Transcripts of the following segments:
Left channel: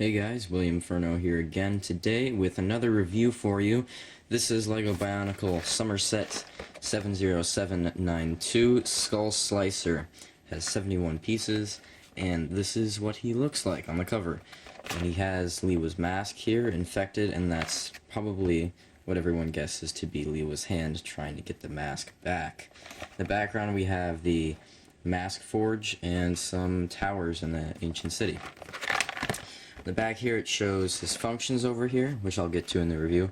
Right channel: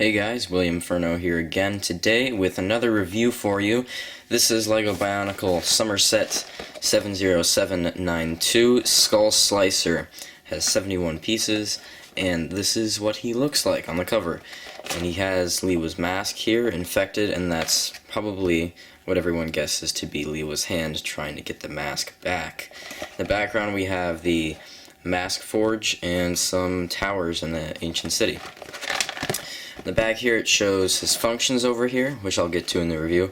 Hey guys, William Furno here again today with another review for you. This is LEGO Bionicle Somerset 70792 Skull Slicer. Has 71 pieces, and this is what he looks like on the cover. And he has Liwa's mask here, infected, and that's probably what everyone guesses to be Liwa's hand trying to get the mask back. In the background we have the mask forge and some towers in the ancient city. In the back here it shows his functions over here, which I'll get to in the review,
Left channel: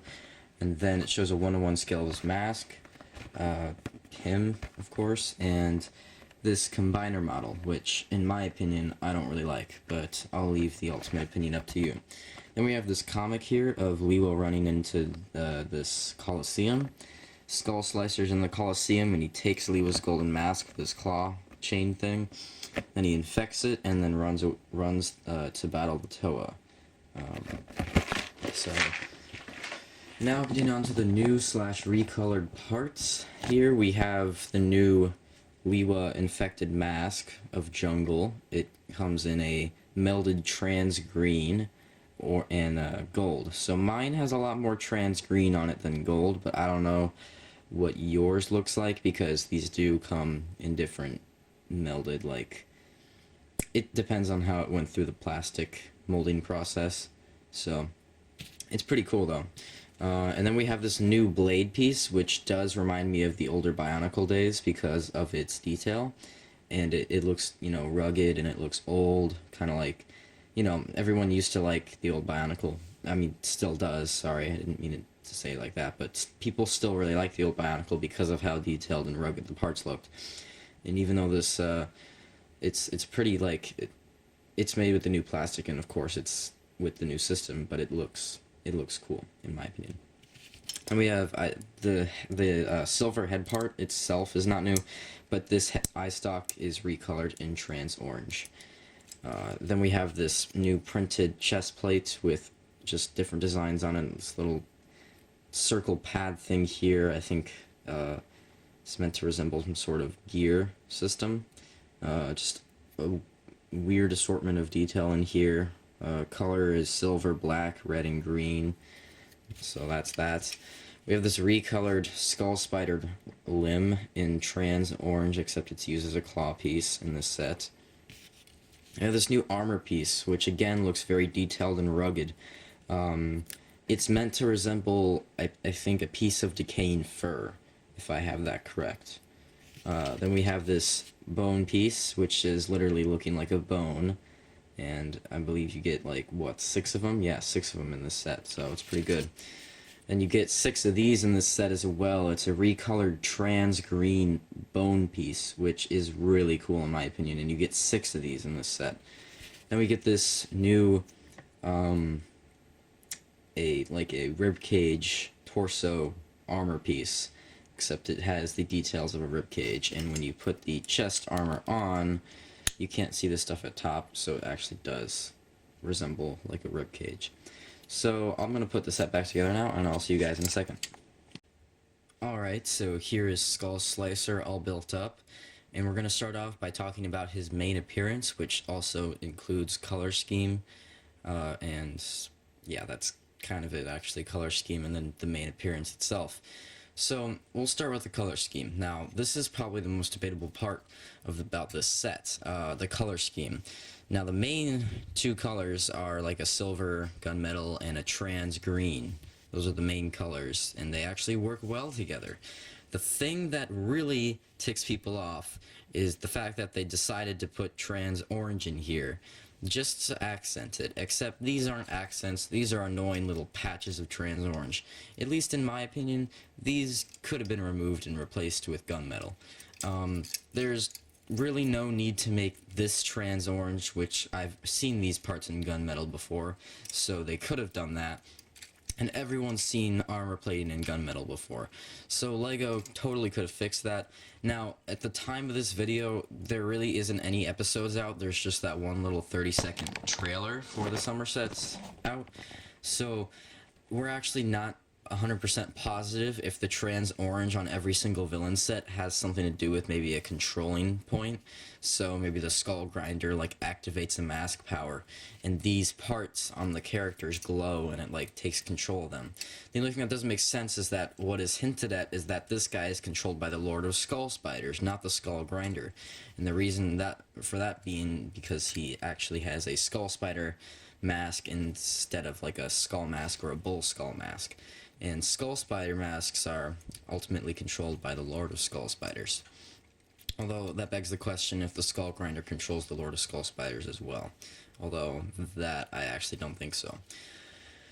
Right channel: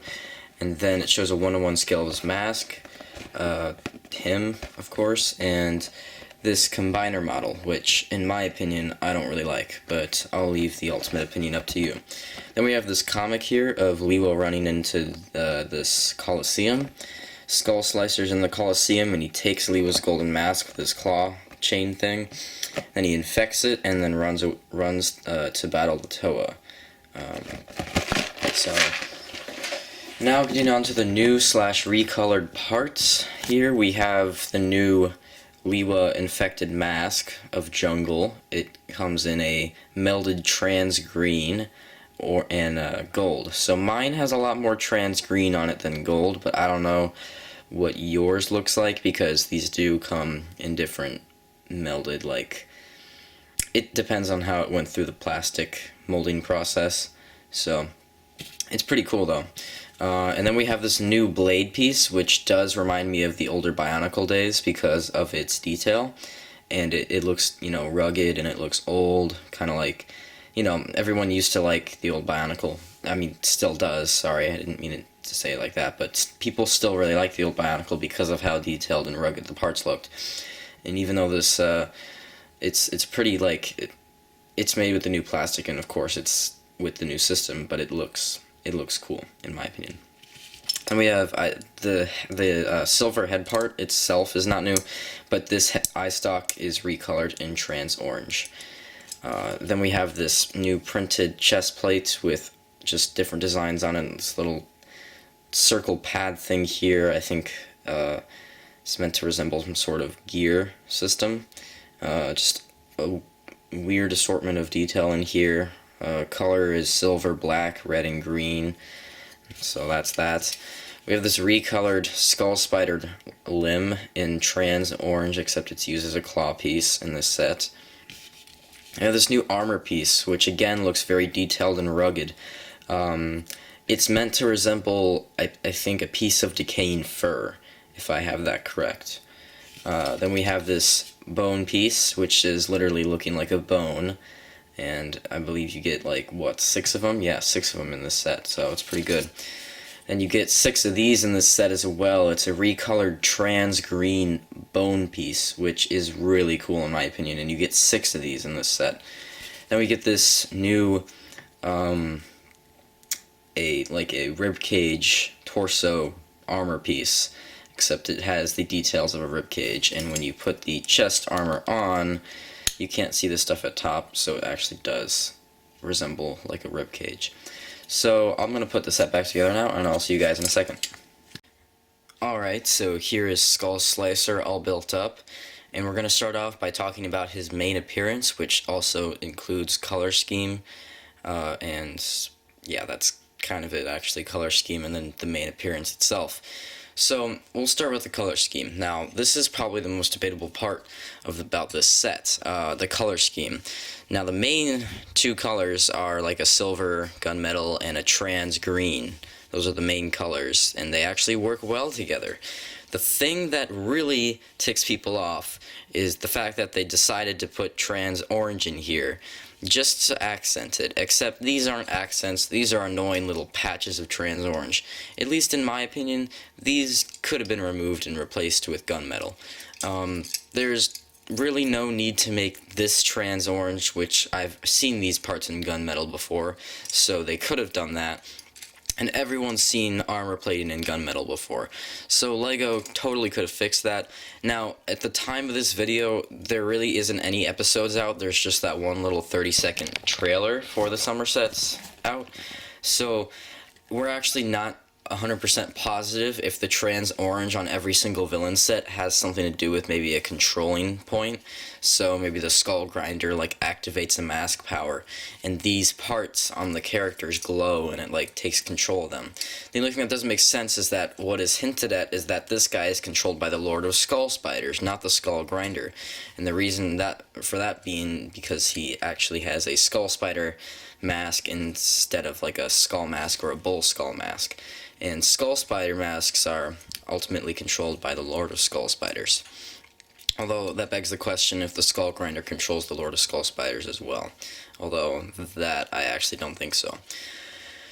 and then it shows a 1-to-1 scale of his mask, him, of course, and this combiner model, which, in my opinion, I don't really like, but I'll leave the ultimate opinion up to you. Then we have this comic here of Liwa running into this Colosseum. Skull Slicer's in the Colosseum, and he takes Liwa's golden mask with his claw chain thing. Then he infects it, and then runs to battle the Toa. So now getting on to the new / recolored parts. Here we have the new Liwa infected mask of Jungle. It comes in a melded trans green and gold. So mine has a lot more trans green on it than gold, but I don't know what yours looks like because these do come in different melded, like, it depends on how it went through the plastic molding process. So it's pretty cool though. And then we have this new blade piece, which does remind me of the older Bionicle days because of its detail, and it looks, you know, rugged, and it looks old, kind of like, you know, everyone used to like the old Bionicle. I mean, still does, sorry, I didn't mean it to say it like that, but people still really like the old Bionicle because of how detailed and rugged the parts looked. And even though this, it's pretty, like, it's made with the new plastic, and of course it's with the new system, but it looks cool, in my opinion. And we have the silver head part itself is not new, but this eye stalk is recolored in trans orange. Then we have this new printed chest plate with just different designs on it, and this little circle pad thing here, I think, it's meant to resemble some sort of gear system. Just a weird assortment of detail in here. Color is silver, black, red, and green. So that's that. We have this recolored skull spider limb in trans orange, except it's used as a claw piece in this set. We have this new armor piece, which again looks very detailed and rugged. It's meant to resemble, I think, a piece of decaying fur, if I have that correct. Then we have this bone piece, which is literally looking like a bone, and I believe you get, like, what, 6 of them? Yeah, 6 of them in this set, so it's pretty good. And you get 6 of these in this set as well. It's a recolored trans green bone piece, which is really cool in my opinion, and you get 6 of these in this set. Then we get this new, a ribcage torso armor piece, except it has the details of a ribcage, and when you put the chest armor on, you can't see the stuff at top, so it actually does resemble like a ribcage. So I'm going to put the set back together now, and I'll see you guys in a second. Alright, so here is Skull Slicer all built up, and we're going to start off by talking about his main appearance, which also includes color scheme, and yeah, that's kind of it actually, color scheme, and then the main appearance itself. So we'll start with the color scheme. Now, this is probably the most debatable part about this set, the color scheme. Now, the main 2 colors are like a silver gunmetal and a trans green. Those are the main colors, and they actually work well together. The thing that really ticks people off is the fact that they decided to put trans orange in here just to accent it, except these aren't accents, these are annoying little patches of trans orange. At least in my opinion, these could have been removed and replaced with gunmetal. There's really no need to make this trans orange, which I've seen these parts in gunmetal before, so they could have done that. And everyone's seen armor plating in gunmetal before, so LEGO totally could have fixed that. Now, at the time of this video, there really isn't any episodes out. There's just that one little 30-second trailer for the Somersets out. So we're actually not 100% positive if the trans orange on every single villain set has something to do with maybe a controlling point. So maybe the skull grinder like activates a mask power, and these parts on the characters glow, and it like takes control of them. The only thing that doesn't make sense is that what is hinted at is that this guy is controlled by the Lord of Skull Spiders, not the skull grinder. And the reason that for that being because he actually has a skull spider mask instead of like a skull mask or a bull skull mask. And skull spider masks are ultimately controlled by the Lord of Skull Spiders. Although that begs the question if the skull grinder controls the Lord of Skull Spiders as well. Although that I actually don't think so.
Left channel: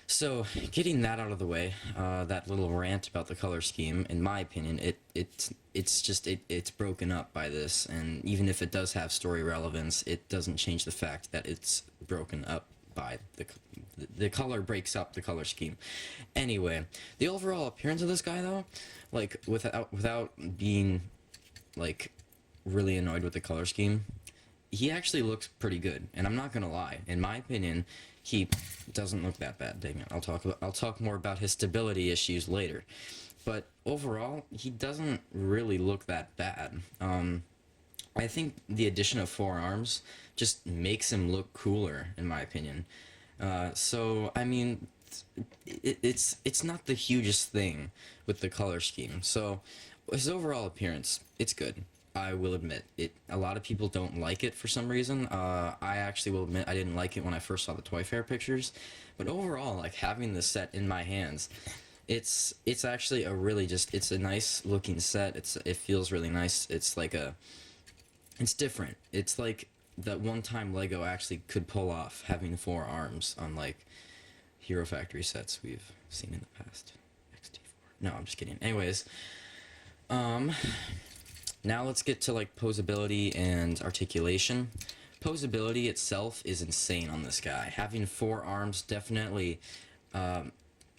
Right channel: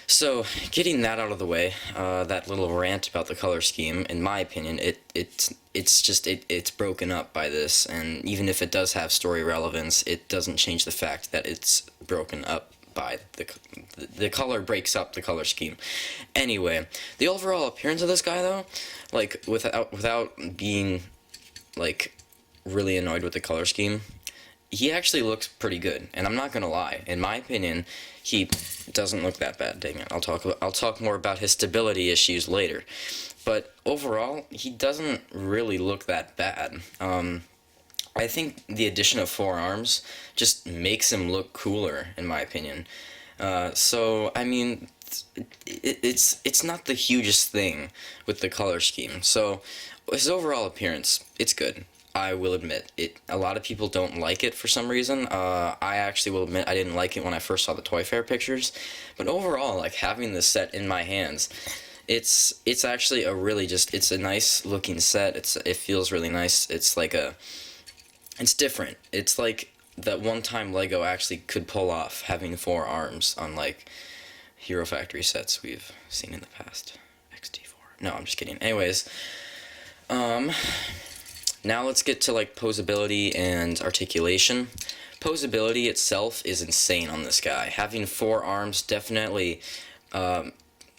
So, getting that out of the way, that little rant about the color scheme, in my opinion, it's broken up by this, and even if it does have story relevance, it doesn't change the fact that it's broken up by the color breaks up the color scheme. Anyway, the overall appearance of this guy though, like without being like really annoyed with the color scheme, he actually looks pretty good, and I'm not gonna lie. In my opinion, he doesn't look that bad. Dang it! I'll talk more about his stability issues later, but overall, he doesn't really look that bad. I think the addition of 4 arms just makes him look cooler, in my opinion. So I mean, it's not the hugest thing with the color scheme. So his overall appearance, it's good. I will admit it. A lot of people don't like it for some reason. I actually will admit I didn't like it when I first saw the Toy Fair pictures, but overall, like having this set in my hands, it's actually a really it's a nice looking set. It feels really nice. It's different. It's like that one time Lego actually could pull off having 4 arms on like Hero Factory sets we've seen in the past. XT4. No, I'm just kidding. Anyways, now let's get to like posability and articulation. Posability itself is insane on this guy. Having 4 arms definitely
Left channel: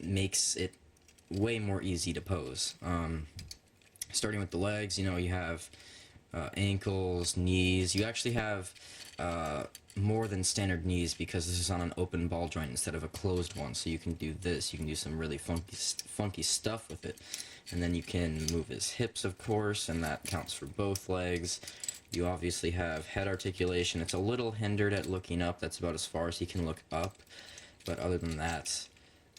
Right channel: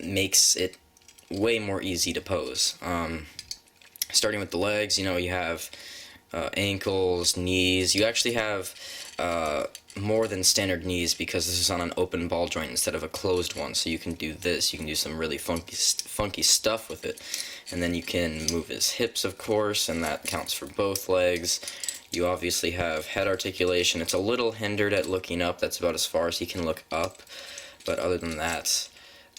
makes it way more easy to pose. Starting with the legs, you have ankles, knees. You actually have more than standard knees because this is on an open ball joint instead of a closed one. So you can do this. You can do some really funky stuff with it. And then you can move his hips, of course, and that counts for both legs. You obviously have head articulation. It's a little hindered at looking up. That's about as far as he can look up. But other than that,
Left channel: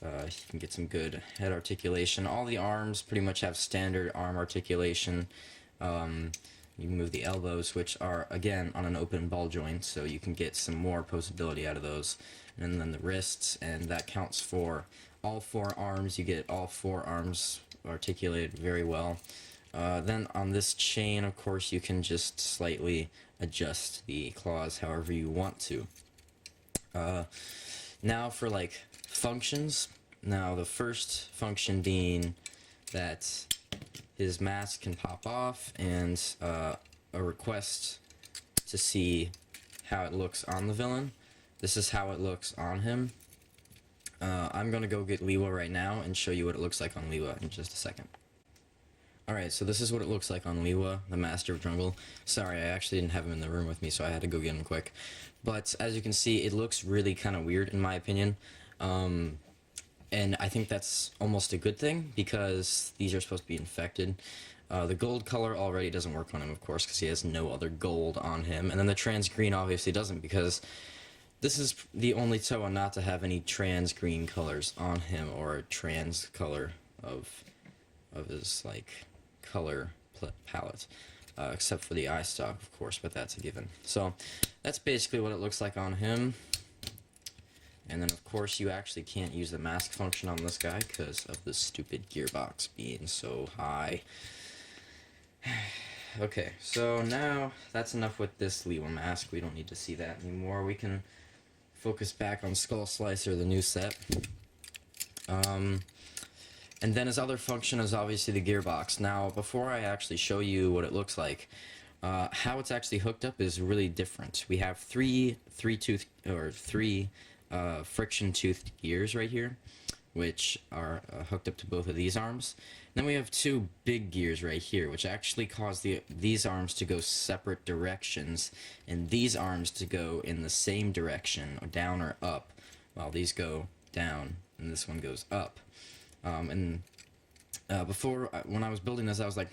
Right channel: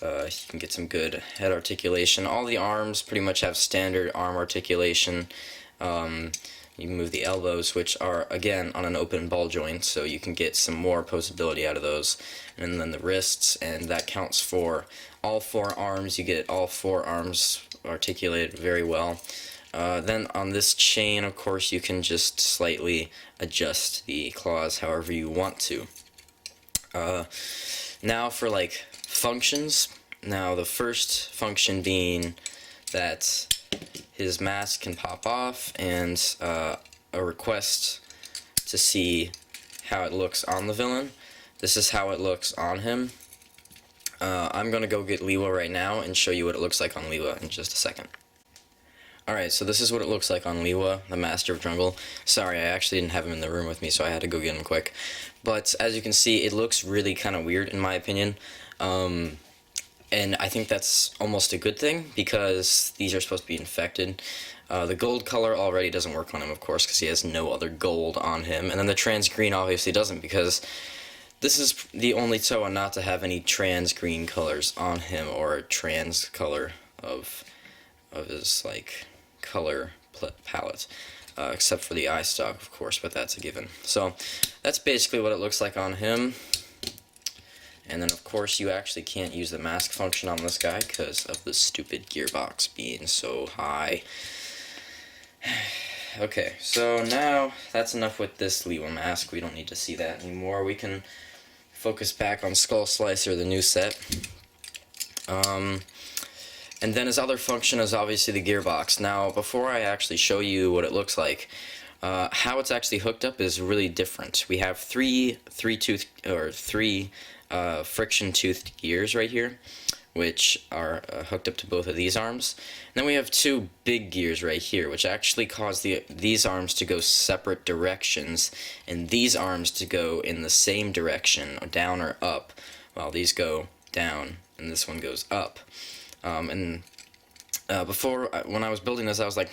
he can get some good head articulation. All the arms pretty much have standard arm articulation. You can move the elbows, which are, again, on an open ball joint, so you can get some more posability out of those. And then the wrists, and that counts for all 4 arms. You get all 4 arms articulated very well. Then on this chain, of course, you can just slightly adjust the claws however you want to. Now for like functions. Now the first function being that his mask can pop off, and a request to see how it looks on the villain. This is how it looks on him. I'm gonna go get Liwa right now and show you what it looks like on Liwa in just a second. Alright, so this is what it looks like on Liwa, the Master of Jungle. Sorry, I actually didn't have him in the room with me, so I had to go get him quick. But as you can see, it looks really kind of weird in my opinion. And I think that's almost a good thing, because these are supposed to be infected. The gold color already doesn't work on him, of course, because he has no other gold on him. And then the trans green obviously doesn't, because this is the only Toa not to have any trans green colors on him, or a trans color of his, like, color palette. Except for the eye stalk, of course, but that's a given. So, that's basically what it looks like on him. And then, of course, you actually can't use the mask function on this guy because of the stupid gearbox being so high. Okay, so now that's enough with this Liwa mask. We don't need to see that anymore. We can focus back on Skull Slicer, the new set. And then his other function is obviously the gearbox. Now, before I actually show you what it looks like, how it's actually hooked up is really different. We have three friction-toothed gears right here, which are hooked up to both of these arms. And then we have 2 big gears right here, which actually cause these arms to go separate directions, and these arms to go in the same direction, down or up, while these go down, and this one goes up. Before, when I was building this, I was like,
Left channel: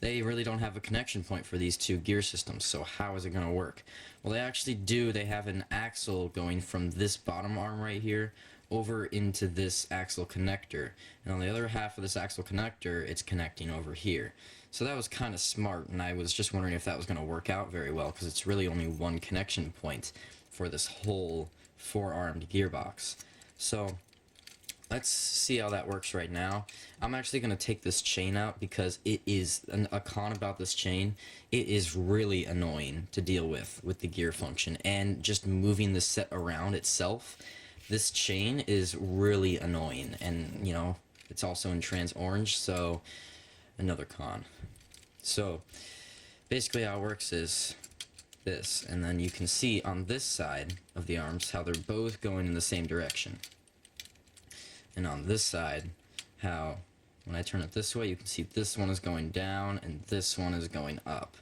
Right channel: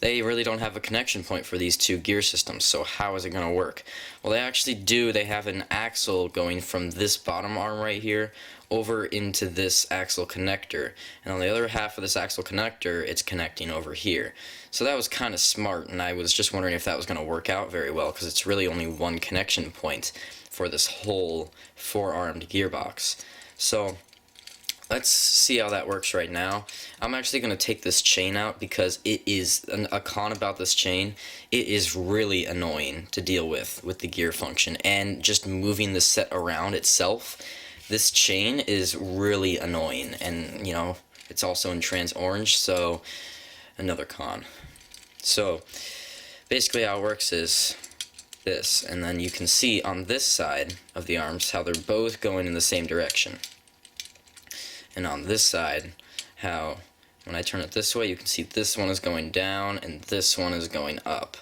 they really don't have a connection point for these two gear systems, so how is it going to work? Well, they actually do. They have an axle going from this bottom arm right here over into this axle connector, and on the other half of this axle connector, it's connecting over here. So that was kind of smart, and I was just wondering if that was going to work out very well, because it's really only one connection point for this whole four-armed gearbox. So let's see how that works right now. I'm actually going to take this chain out because it is a con about this chain. It is really annoying to deal with the gear function, and just moving the set around itself. This chain is really annoying, and you know, it's also in trans orange, so another con. So basically how it works is this, and then you can see on this side of the arms how they're both going in the same direction. And on this side, how when I turn it this way, you can see this one is going down and this one is going up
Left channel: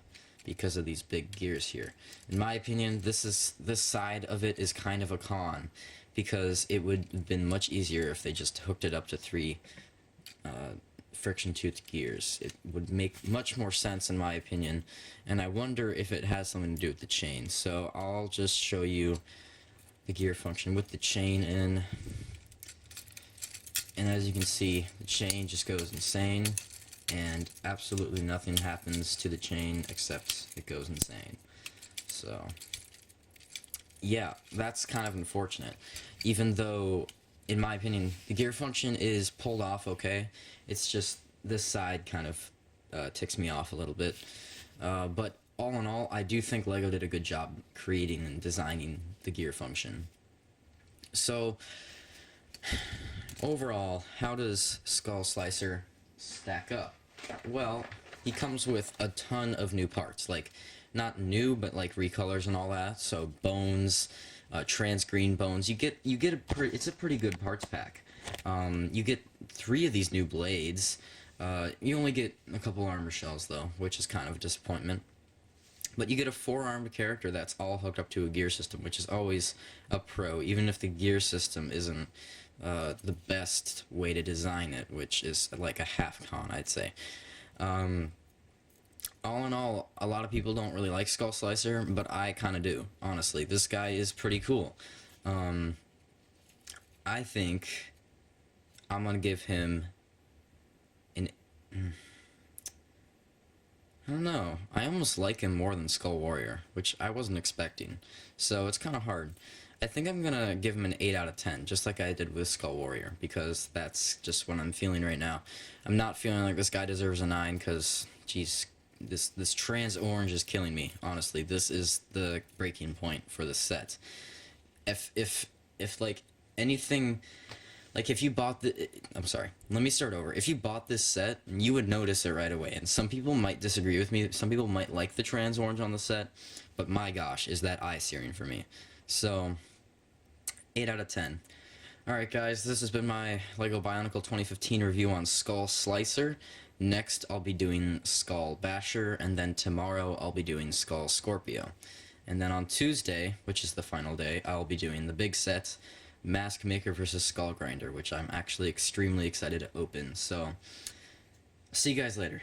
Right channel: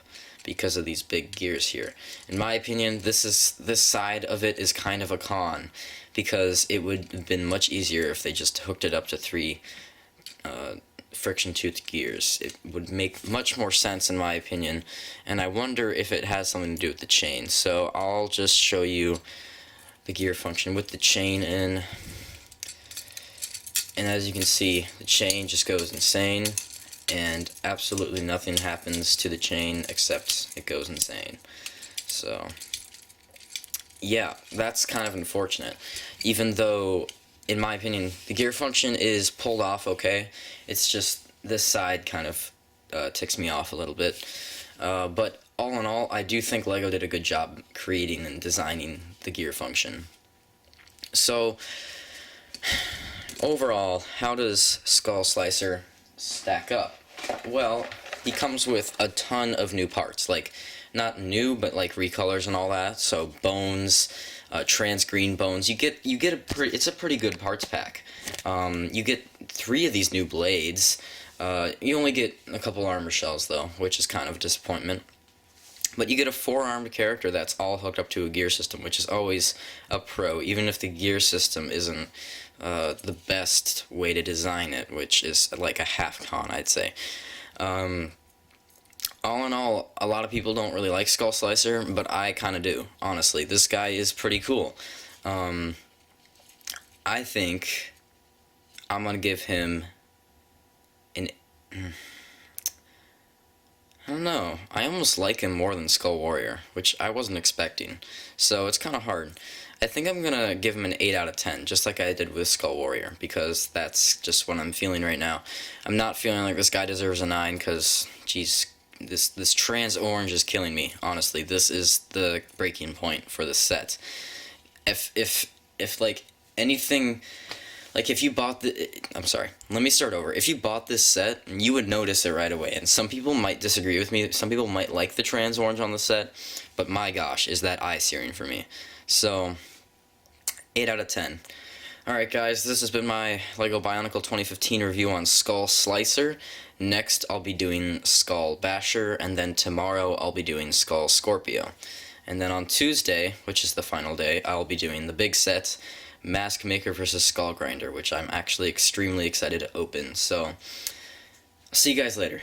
because of these big gears here. In my opinion, this side of it is kind of a con, because it would have been much easier if they just hooked it up to 3 friction tooth gears. It would make much more sense in my opinion, and I wonder if it has something to do with the chain. So I'll just show you the gear function with the chain in. And as you can see, the chain just goes insane, and absolutely nothing happens to the chain except it goes insane. So yeah, that's kind of unfortunate. Even though, in my opinion, the gear function is pulled off okay, it's just this side kind of ticks me off a little bit. But all in all, I do think LEGO did a good job creating and designing the gear function. So overall, how does Skull Slicer stack up? Well, he comes with a ton of new parts, like, not new, but like recolors and all that. So bones, trans green bones. You get it's a pretty good parts pack. You get 3 of these new blades. You only get a couple armor shells though, which is kind of a disappointment. But you get a 4-armed character that's all hooked up to a gear system, which is always a pro, even if the gear system isn't the best way to design it, which is like a half con, I'd say. All in all, a lot of people don't really like Skull Slicer, but I kind of do, honestly. This guy is pretty cool. I think I'm going to give him an... I don't know. I almost like him more than Skull Warrior, which I wasn't expecting. So it's kind of hard. I think I'm going to give him an 8 out of 10, just like I did with Skull Warrior, because that's just what I'm feeling right now. I'm not feeling like this guy deserves a 9, because, geez, this trans orange is killing me, honestly. This is the breaking point for this set. If like, anything... Like, if you bought I'm sorry, let me start over. If you bought this set, you would notice it right away. And some people might disagree with me. Some people might like the trans orange on the set. But my gosh, is that eye-searing for me. So, 8 out of 10. Alright guys, this has been my LEGO Bionicle 2015 review on Skull Slicer. Next, I'll be doing Skull Basher. And then tomorrow, I'll be doing Skull Scorpio. And then on Tuesday, which is the final day, I'll be doing the big set, Mask Maker vs. Skull Grinder, which I'm actually extremely excited to open. So, see you guys later.